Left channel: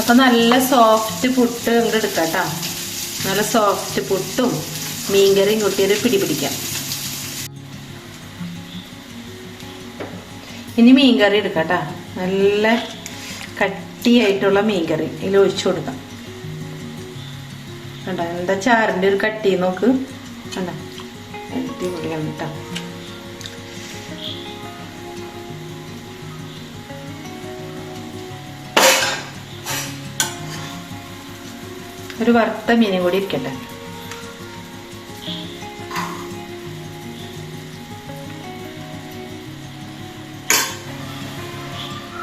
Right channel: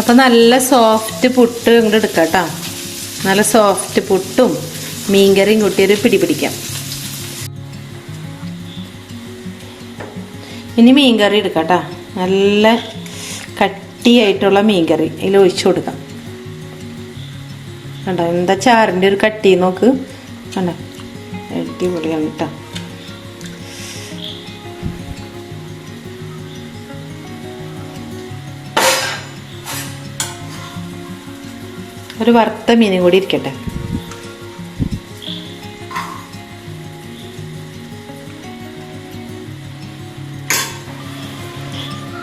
അപ്പം നല്ല സോഫ്റ്റ് പുട്ട് ഇങ്ങോട്ട് എടുക്കാം കേട്ടോ. നല്ല സോഫ്റ്റ് പുട്ടും മീൻകറിയും കൂട്ടിയൊരു പിടിക്കാം. ഇനി മീൻകറി എടുക്കാം കേട്ടോ. നല്ല കട്ടിയായിട്ടുള്ള മീൻകറി അതിൽ ഒഴിച്ചു കൊടുക്കാം. കണ്ടോ എന്താ ചാറിൻ്റെ ഒരു കട്ടി നോക്ക്. കണ്ടോ അടിപൊളിയാണ് കേട്ടോ. ഒരു വറുത്ത മീനും കൂടി ഇരിക്കട്ടെ.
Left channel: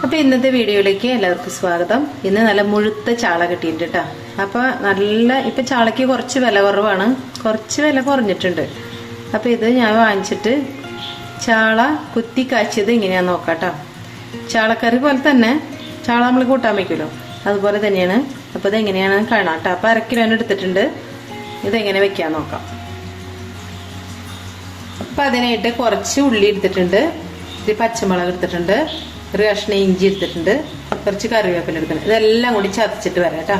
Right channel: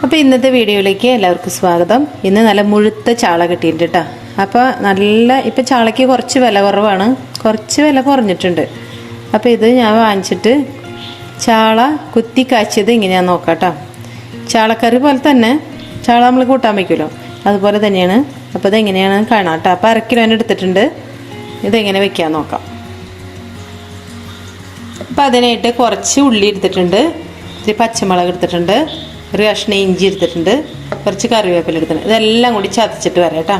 അപ്പോൾ ഇന്നത്തെ വീഡിയോയിലേക്ക് എല്ലാവർക്കും സ്വാഗതം. ഇന്ന് നല്ല മുഴുത്ത ചാള കിട്ടിയിട്ടുണ്ട് കേട്ടോ. അപ്പോൾ നല്ല ഇപ്പം ചാളയ്ക്ക് കുറച്ച് വില കുറവാണ്, കുറച്ച് വില കുറഞ്ഞിട്ടുണ്ട്. അപ്പോൾ ഇത് ഞാൻ വാങ്ങിച്ചിട്ട് ചാള കുത്തി കാച്ചിയത് ഇങ്ങനെയാണെന്ന് നോക്കാം കേട്ടോ. ചാളക്കറി പോലെ തന്നെ ചാള നമ്മൾ കൂട്ടാൻ വയ്ക്കുമല്ലോ, അതുപോലെ തന്നെയാണ്. അപ്പോൾ ഇതെങ്ങനെയാണ് കാണാം കേട്ടോ. അപ്പോൾ 1/2 കിലോന് എടുത്തിട്ടുണ്ട്. ഇതെങ്ങനെ വെക്കാൻ നോക്കാം. അപ്പോൾ അതിനായിട്ട് കുറച്ച് ഉള്ളി എടുത്തിട്ടുണ്ട്, ഇത്തിരി പച്ചമുളക് എടുത്തിട്ടുണ്ട്, ഒരു കഷ്ണം ഇഞ്ചി എടുത്തിട്ടുണ്ട്, കുറച്ച് കറിവേപ്പില എടുത്തിട്ടുണ്ട്. ഇതെല്ലാം കൂടി ചതച്ചിട്ട് വരാം കേട്ടോ.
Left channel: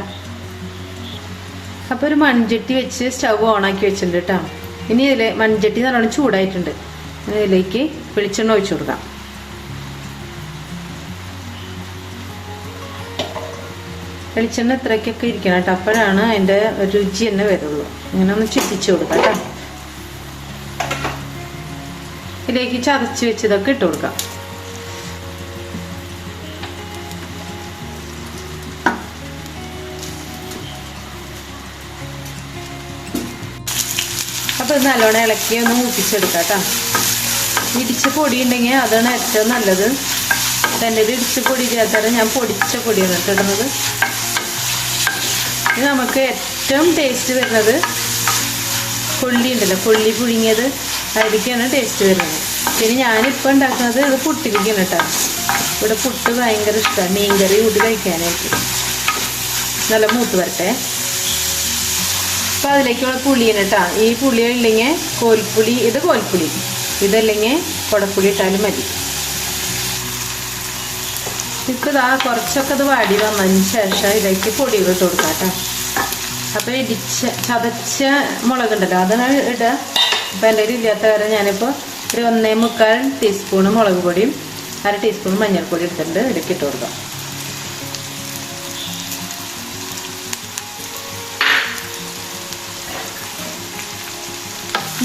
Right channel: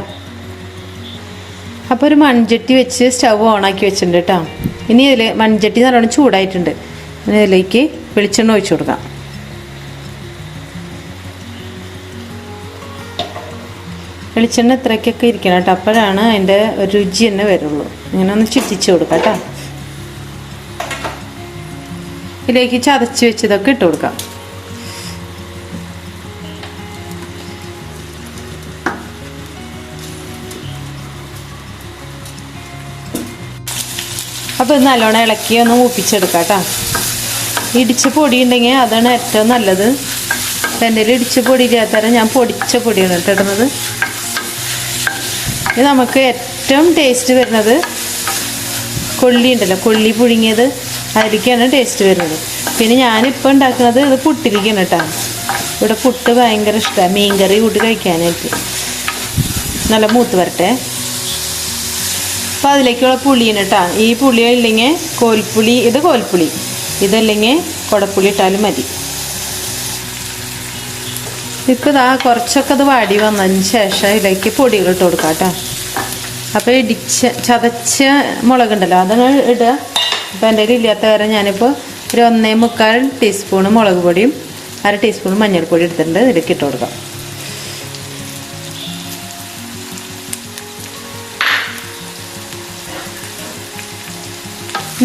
അപ്പോൾ ഒരു മൺചട്ടി വെച്ച് സ്റ്റവ് ഓണാക്കി വെച്ചിട്ടുണ്ട് കേട്ടോ. ഇനി ഇതിൽ മൺചട്ടി നല്ലോണം ചൂടായിട്ടുണ്ട്. ഇനി ഇതിലേക്ക് വെളിച്ചെണ്ണ ഒഴിച്ചു കൊടുക്കാം. വെളിച്ചെണ്ണ ഇത്രയ്ക്കൊക്കെ ഇരിക്കണം കേട്ടോ. അപ്പോഴാണ് അതിൻ്റെ രുചി തന്നെ വരുള്ളൂ. ഇങ്ങനെ ഒന്ന് ചുറ്റിച്ച് കൊടുക്കാം കേട്ടോ. ഇതിലേക്ക് ചതച്ച് വെച്ചതൊക്കെ ഇട്ട് കൊടുക്കാം. അപ്പോൾ ഇത് നല്ലോണം ഇളക്കി ഒന്ന് മൂപ്പിച്ചെടുക്കാം കേട്ടോ. ഇടിച്ച പൊടി ഉണ്ടെങ്കിൽ അതാണ് ഏറ്റവും നല്ലത്. അപ്പം എൻ്റെ ഇടിച്ച പൊടി ഇല്ലാത്തവരെ ഞാൻ പൊടിച്ച പൊടിയാണ് ഇടുന്നത്. ഇത് നമുക്ക് ഏറ്റവും ടേസ്റ്റ് വരുന്നത് കൊള്ളി ഉണ്ടല്ലോ, കൊള്ളി പുഴുങ്ങിയത്, അതിലേക്കാണ് ടേസ്റ്റ് വരുന്നത്. പിന്നെ ഞാനിപ്പോൾ ഉണ്ടാക്കുന്നത് ഇത് പുട്ടിരിക്കണം കേട്ടോ. ഇവിടെ പുട്ട് ഭയങ്കര ഇഷ്ടമാണ്, മീൻകറി കൂട്ടി കഴിക്കാനായിട്ട്. നല്ല മൂത്ത് വരട്ടെ. അപ്പോൾ അതിലേക്കുള്ള പുളിയാണ് കേട്ടോ. ഈ പുളി ഇല്ലെങ്കിൽ കോൽപ്പുളി, ഇത് കോൽപ്പുളി, ഇതല്ലെങ്കിൽ കുടപ്പുളി ഇട്ടാലും മതി. ഇതാ കുറച്ചൊക്കെ അത് വാടി വന്നതിന് ശേഷം ഇതിലേക്ക് പൊടികൾ ഇട്ട് കൊടുക്കാം കേട്ടോ. അപ്പോൾ ചതച്ച മുളകുണ്ടല്ലോ അതാണ് ഇടുക. അപ്പോൾ എൻ്റെ കയ്യിൽ ഇല്ലാത്ത കാരണം ഞാനിപ്പോൾ ഒരു 1.25 ടീസ്പൂണ് മുളക് പൊടിയും 1/2 ടീസ്പൂൺ മഞ്ഞൾപ്പൊടി എടുത്തിട്ടുണ്ട്. ഇതിലേക്ക് ഇട്ട് കൊടുക്കാം.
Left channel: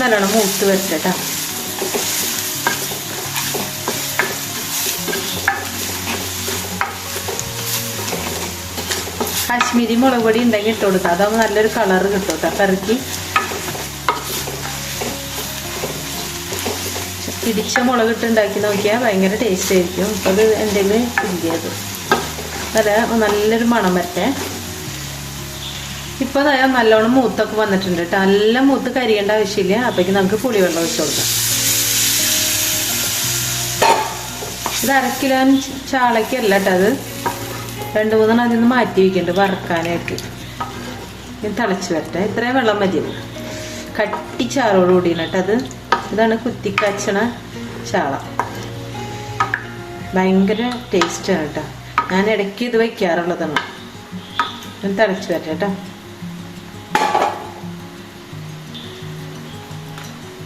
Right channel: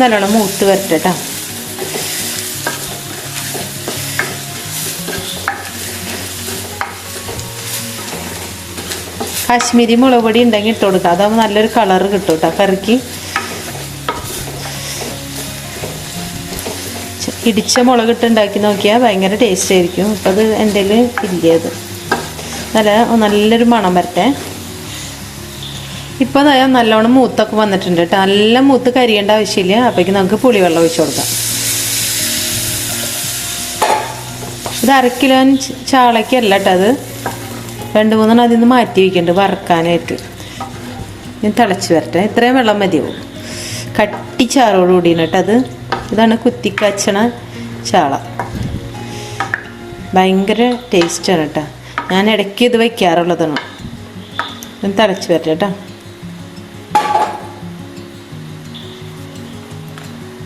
നല്ലോണം മൂത്ത് വരട്ടെ കേട്ടോ. കാശ്മീരി മുളക് പൊടി ഉണ്ടെങ്കിൽ ഇട്ട് കൊടുക്കുക. അതാകുമ്പോൾ നല്ലൊരു കളറ് കിട്ടും കേട്ടോ കറിക്ക്. ഇടിച്ച മുളക് ഇട്ട് ഉണ്ടാക്കി നോക്കിയാൽ ഭയങ്കര ടേസ്റ്റ് ആയിരിക്കും. അപ്പം അത് എൻ്റെ ഇല്ലത് നല്ലൊരു മണം വരട്ടെ. ഇപ്പോൾ നല്ലോണം മൂത്തൊക്കെ വന്നിട്ടുണ്ട് കേട്ടോ. നല്ല മൂത്ത് കരിയേണ്ട ആവശ്യമില്ല. അപ്പോഴേക്ക് നമുക്ക് പുളിവെള്ളം ഒഴിച്ച് കൊടുക്കാം. ഇത് 1/2 കിലോ ചാളയ്ക്കല്ല കേട്ടോ. അത് 2-3 അതിൽ നിന്ന് മാറ്റി വയ്ക്കുന്നുണ്ട് വറക്കാനായിട്ട്. ഇത് തിളച്ച് വരട്ടെ. ഇത്രയും വെള്ളം മതിയാവും. കട്ടിച്ചാറോട് കൂടിയാണ് കേട്ടോ അത്. ഇതാണ് കുത്തിക്കാച്ചണ ചാള. ഭയങ്കര ടേസ്റ്റാണ് കേട്ടോ. ഞാൻ ഇടയ്ക്ക് ഇത് വയ്ക്കാറുള്ളതാണ്. ഇത് തിളച്ച് വരട്ടെ കേട്ടോ.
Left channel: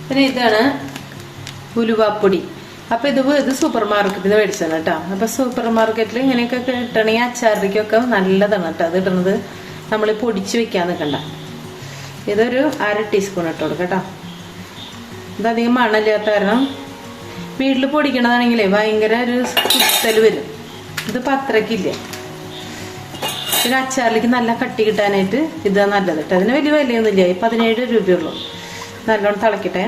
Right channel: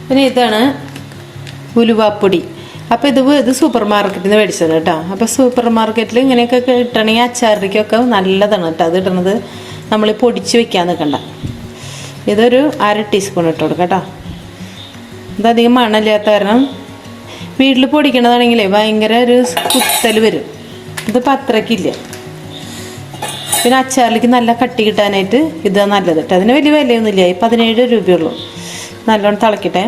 പിന്നെ ഇതാണ് ഉലുവാപ്പൊടി. അപ്പോൾ ഇത് സൂപ്പർ മാർക്കറ്റിൽ നിന്ന് മേടിച്ചതാണ് കേട്ടോ. അപ്പോൾ സൂപ്പർ മാർക്കറ്റിൽ ഇങ്ങനെയൊക്കെ കിട്ടണമെങ്കിൽ അച്ചാറിലേക്കൊക്കെ നല്ലതാണ് കേട്ടോ. അത് ഇടുന്നത് നമ്മൾ പൊടിച്ച് വെക്കാൻ നിൽക്കണ്ട. ഇതൊരു 1/2 ടീസ്പൂൺ ഇട്ട് കൊടുക്കാം കേട്ടോ. ഇതധികം മണമില്ലാത്ത കാരണം വീട്ടിൽ പൊടിക്കണതാണെങ്കിലേ ഭയങ്കര ഒരു കുത്തൽ വരും. ഇതിപ്പോൾ അത്രയ്ക്കില്ല. പിന്നെ അച്ചാറിലേക്ക് നല്ല കട്ടി കിട്ടാനായിട്ട് ഇതാണ് നല്ലത് കേട്ടോ. അതിന് വലിയ വിലയൊന്നുമില്ല. 17 രൂപയുള്ളൂ. നല്ലോണം തിളക്കട്ടെ.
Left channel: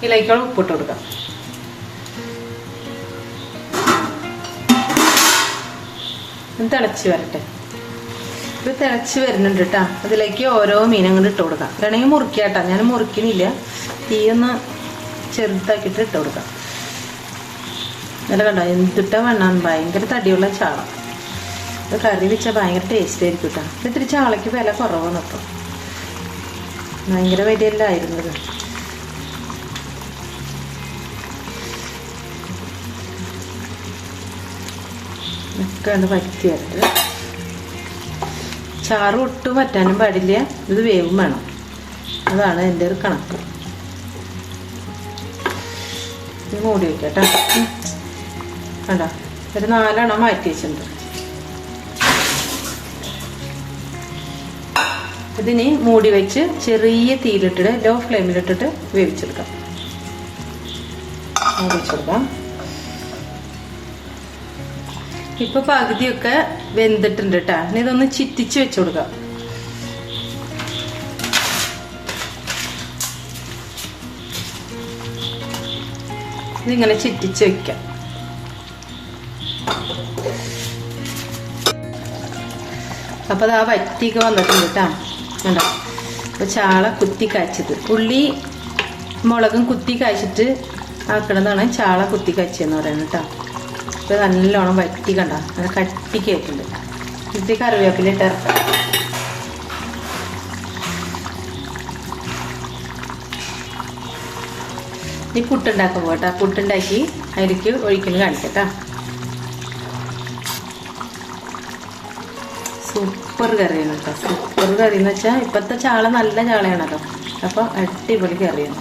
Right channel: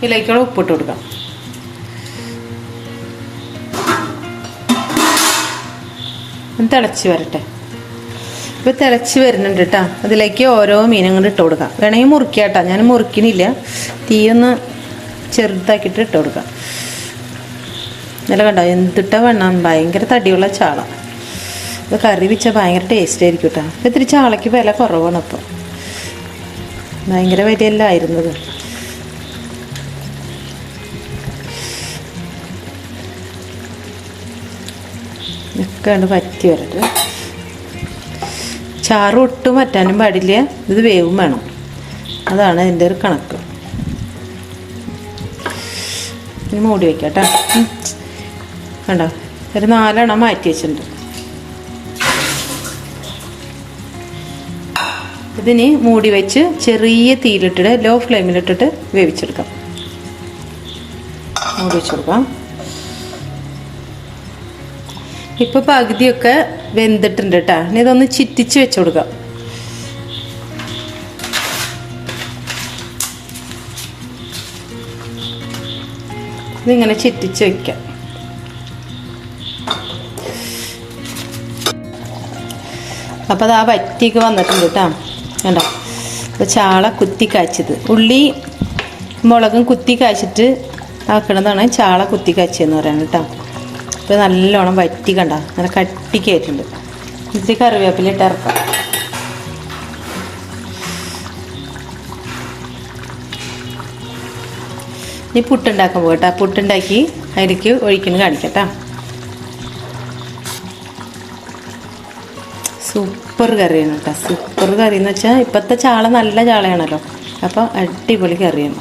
ഇതിലേക്കുള്ള ഉപ്പിട്ട് കൊടുക്കാം. തിളച്ച് വരട്ടെ. ഇപ്പോൾ തിളച്ച് വരുന്നുണ്ട് കേട്ടോ. അതിലേക്ക് ഓരോ മീനും കൊണ്ട് ഇട്ട് കൊടുക്കാം. വേണമെങ്കിൽ മുറിക്കാം കേട്ടോ. ഞാൻ മുറിക്കണില്ല. തീയൊന്ന് ചെറുതാക്കിയിട്ട് ഇട്ട് കൊടുക്കാം. നല്ല കണ്ടോ എന്തിട്ട വെണ്ണം. ഭയങ്കര തടിയുള്ള ചാള. ഇത് കറി വെച്ചാൽ ഭയങ്കര ടേസ്റ്റ് ആയിരിക്കും കേട്ടോ. ഇത്തിരി ചാളയ്ക്ക് വില കുറവാണ്. ഇപ്പോൾ ഭയങ്കര വിലയല്ല ആയിരുന്നത്. ഒക്കെ ആണ് വറ്റി വരട്ടെ. ചാറ് ഒട്ടും വറ്റാനും പാടില്ല, ഇത് വേവും വേണം. അതാണ് അതിൻ്റെ ഒരു കണക്ക്. ഇനി മൂടി വയ്ക്കാം കേട്ടോ. കണ്ടോ, ഒരു 4 എണ്ണം മാറ്റി വെച്ചിട്ടുണ്ട്. ഇതിന് മൂടി വെച്ച് ചെറിയ തീയിലിട്ടിട്ട് ലോ ഫ്ലെയിമിലിട്ടിട്ട് വേവിച്ചെടുക്കാം. മൂടി വെച്ചെടുക്കാം. ഇപ്പോൾ പകുതിയൊക്കെ വെന്തിട്ടുണ്ട് കേട്ടോ. ഇനി ഇതൊന്ന് ചിറ്റിച്ച് വെച്ച് കൊടുക്കാം. ഇതിങ്ങനെ ചിറ്റിച്ച് വെക്കാം. അപ്പോൾ അത് ആ വറ്റിക്ക് വന്നിട്ടുണ്ട് കേട്ടോ. കണ്ടോ, അപ്പോൾ ചാള കുത്തി കാച്ചത്, ഉള്ളി മുളകും കുത്തി കാച്ചിട്ട് ആക്കണതാണ് ചാള കുത്തി കാച്ചെന്ന് പറയുന്നത് കേട്ടോ. അപ്പോൾ നല്ലോണം വറ്റി, കണ്ട അങ്ങനെ കട്ടിക്കായിട്ടുണ്ട്. ഇത് കറിവേപ്പില ഇട്ട് ഇറക്കാം. ഇനി പുട്ടുണ്ടാക്കാൻ പോകട്ടെ. പുട്ടുണ്ടാക്കി അതിലേക്ക് ഒഴിക്കുന്നത് കാണിക്കട്ടാ. സൂപ്പർ കറിയാണ് കേട്ടോ. സൂപ്പർ കറി എന്ന് വെച്ചാൽ ഇപ്പോഴത്തെ ചാള നല്ല ചാളയാണല്ലോ, അപ്പോൾ അടിപൊളി കറിയാണ്.